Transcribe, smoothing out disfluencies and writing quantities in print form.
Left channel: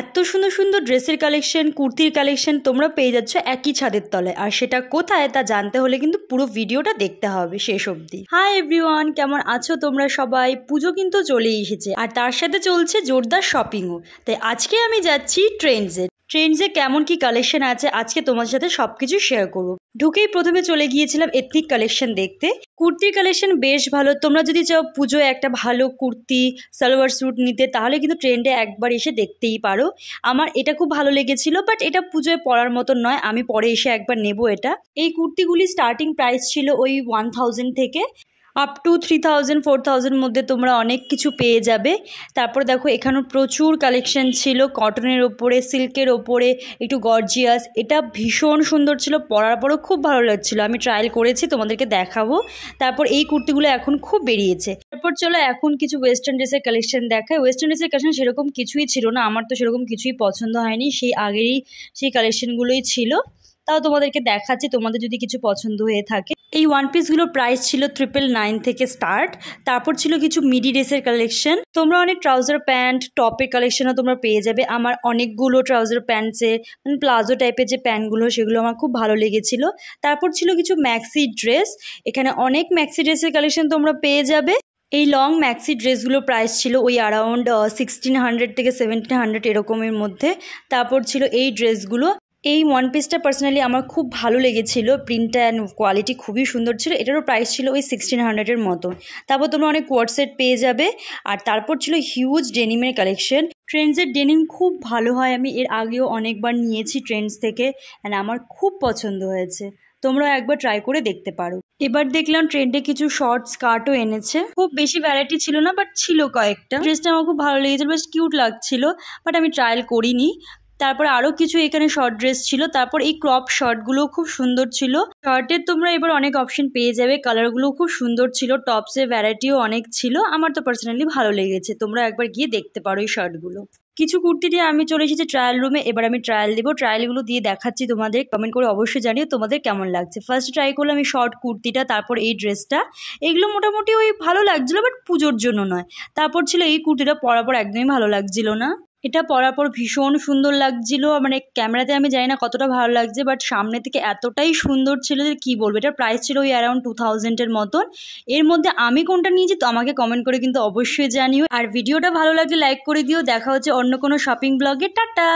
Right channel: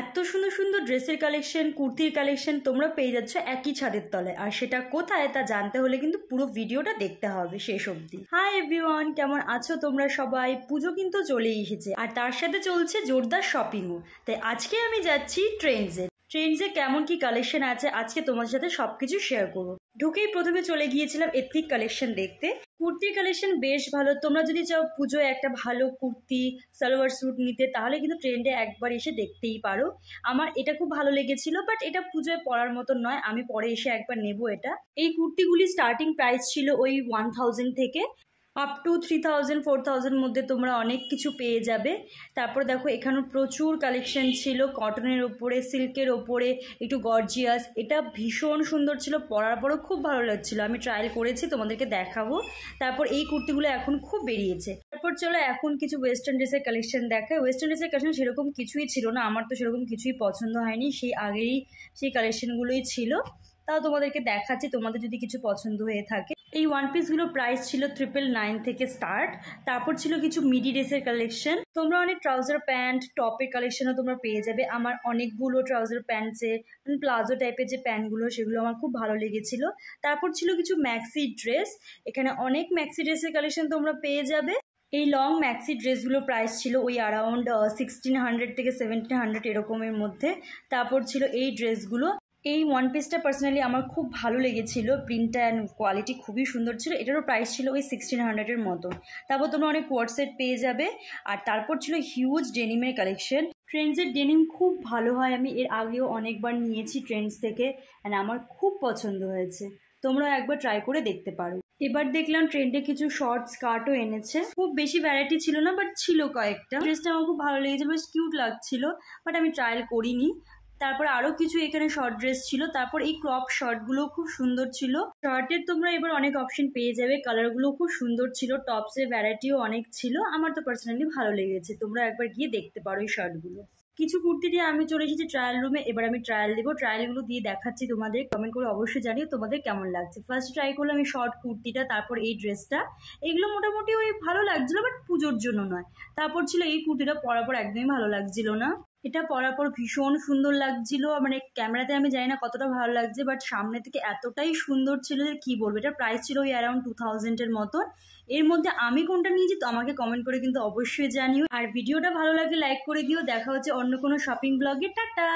এত সুন্দর সুন্দর ড্রেসের কালেকশন, কুর্তির কালেকশন তোমরা পেয়ে যাচ্ছ একই ছাদের তলায়। আর সেটা কোথায় তা জানতে হলে কিন্তু পুরো ভিডিওটা দেখতে হবে শেষ অবধি। হাই এভরিওয়ান, কেমন আছো তোমরা সবাই? পুজো কিন্তু চলেই এসেছে আর তার সাথে চলছে জোরদার শপিংও। তাই আজকে আমি যাচ্ছি ট্রেন্ডসে কেমন কি কালেকশন আছে আজকে তোমার সাথে সবকিছু শেয়ার করবো। ঢুকেই প্রথমে চলে গিয়েছিলাম এথনিক কালেকশন দেখতে। কুর্তির কালেকশন বেশ ভালো। তোমরা যদি চাও পুজোয় একটা ভালো কুর্তি সালোয়ার স্যুট নিতে তাহলে কিন্তু ট্রেন্ডে একবার এসে দেখতেই পারো। আমার এটা খুব ভালো লেগেছিল, বাট এটা পুজোয় পরার মতন নয়, আমি পরে এসে একবার নেব এটা। এই কুর্তিগুলি স্টার্টিং প্রাইস ছিল ওই 1000 থেকে আপ টু 3000 4000 মধ্যে তোমরা অনেক কিছু পেয়ে যাবে। তারপর দেখো এখানেও প্রচুর কালেকশন ছিল কটনের ওপরে, সিল্কের ওপরে, একটু গর্জিয়াস। এটা ভীষণ সুন্দর ছিল, পরার পরও খুব ভালো লাগছিল। আমি ট্রায়াল করেছি, তোমাদেরকে দেখাবো। তারপর এই কুর্তিগুলো এখন খুব বেরিয়েছে। তারপর চলো এখন কিছু ওয়েস্টার্ন ড্রেসের কালেকশন দেখায়। ওয়েস্টার্ন ড্রেসের কালেকশন সেরকম কিছুই ছিল না, আমার তো সেরকম কিছুই পছন্দ হয়নি। সেই আগেরই সেই কালেকশনগুলোই ছিল, তাও তোমাদেরকে দেখাচ্ছি তোমাদের যদি কিছু পছন্দ হয়ে থাকে। এই ওয়ান পিসগুলোর প্রাইস ছিল 999 থেকে স্টার্ট। তারপর ছিল কিছু মিডি ড্রেসের কালেকশন। তোমরা অনেক ট্রাউজার প্যান্ট টপের কালেকশনও তোমরা পেয়ে যাবে। আমার অনেকগুলো ট্রাউজার প্যান্টসের মানে প্লাজো টাইপের যে প্যান্টগুলো সেগুলো আমার খুব ভালো লেগেছিল। তারপর ছিল কিছু ম্যাক্সি ড্রেস। এখানে অনেক ম্যাক্সি ড্রেসের কালেকশন তোমরা পেয়ে যাবে। এই লং ম্যাক্সি ড্রেসগুলোর প্রাইস ছিল ওই অ্যারাউন্ড 1600 থেকে 1700 এরকমের মধ্যে। তারপর ছিল এই ড্রেসগুলো। এই ওয়ান পিসটা পার্সোনালি আমার খুব ভালো লেগেছিল, প্রিন্টটা অ্যান্ড কোয়ালিটি খুবই সুন্দর ছিল। এটারও প্রাইস ছিল ওই 1600-এর মতো। তারপর তোমরা অনেক কোয়ার্ড সেট পেয়ে যাবে। আর তারপর ছিল হিউজ ডেনিমের কালেকশন। ট্রেন্ডসের ডেনিম খুব ভালো হয়, আমি এর আগেও অনেকবার নিয়েছি ট্রেন্ডস থেকে, অ্যান্ড আমার খুব পছন্দ হয়েছে। তোমরা একবার ট্রাই করে দেখতে পারো। এবার দেখলাম ট্রেন্ডে কিছু শর্ট স্কার্টও এনেছে। খুব বেশি ভ্যারাইটি ছিল না, বাট ছিল কয়েকটা। ড্রেসটা আমার খুব ভালো লেগেছিল, বেশ কিউট লাগছিল, বাট আমি ট্রায়াল করিনি। তারপর আরও কিছু এখানে শর্ট ড্রেস ছিল। তারপর এই ক্রপ শর্টগুলো খুব সুন্দর ছিল। শর্টের তোমরা এবার অনেক অপশন পেয়ে যাবে, কালারগুলো খুব সুন্দর ছিল, টপসের ভ্যারাইটিও অনেক ছিল। আমার তো পার্সোনালি ভালো লেগেছে, তোমরা একবার গিয়ে দেখতে পারো এই শর্টগুলো। কিছু কুর্তি দিয়ে আমি চলে এসেছি ট্রায়াল রুমে। এবার আমি ট্রায়াল দেবো, ট্রায়ালগুলো দিয়ে দেখাচ্ছি তোমাদের। কমেন্ট করে অবশ্যই জানিও তোমাদের কেমন লাগছে। ফার্স্ট ট্রাই করলাম এই শর্ট কুর্তিটা, তারপর এই ড্রেসটা। এগুলো মোটামুটি ওই ভালো লাগছিলো, বাট পুজোর জন্য নয়। তারপর ছিল এই কুর্তিটা, পরার পর একদমই ভালো লাগছিল না। এটা পরার পর ভীষণ সুন্দর লাগছিল, মানে ক্যামেরাতে আমি জানি না কতটা ভালো লাগছে, বাট সামনে থেকে এতটাই সুন্দর ছিল যে কী বলবো। এটার প্রাইস ছিল ওই অ্যারাউন্ড 2000-এর মতন। এর মধ্যে আমি কোনটা নিয়েছি তো আমাকে কমেন্ট করে কিন্তু অবশ্যই জানিও। আর ভিডিওটা ভালো লাগলে লাইক করে দিও। দেখা হচ্ছে অন্য কোনো শপিং ব্লগে। টাটা।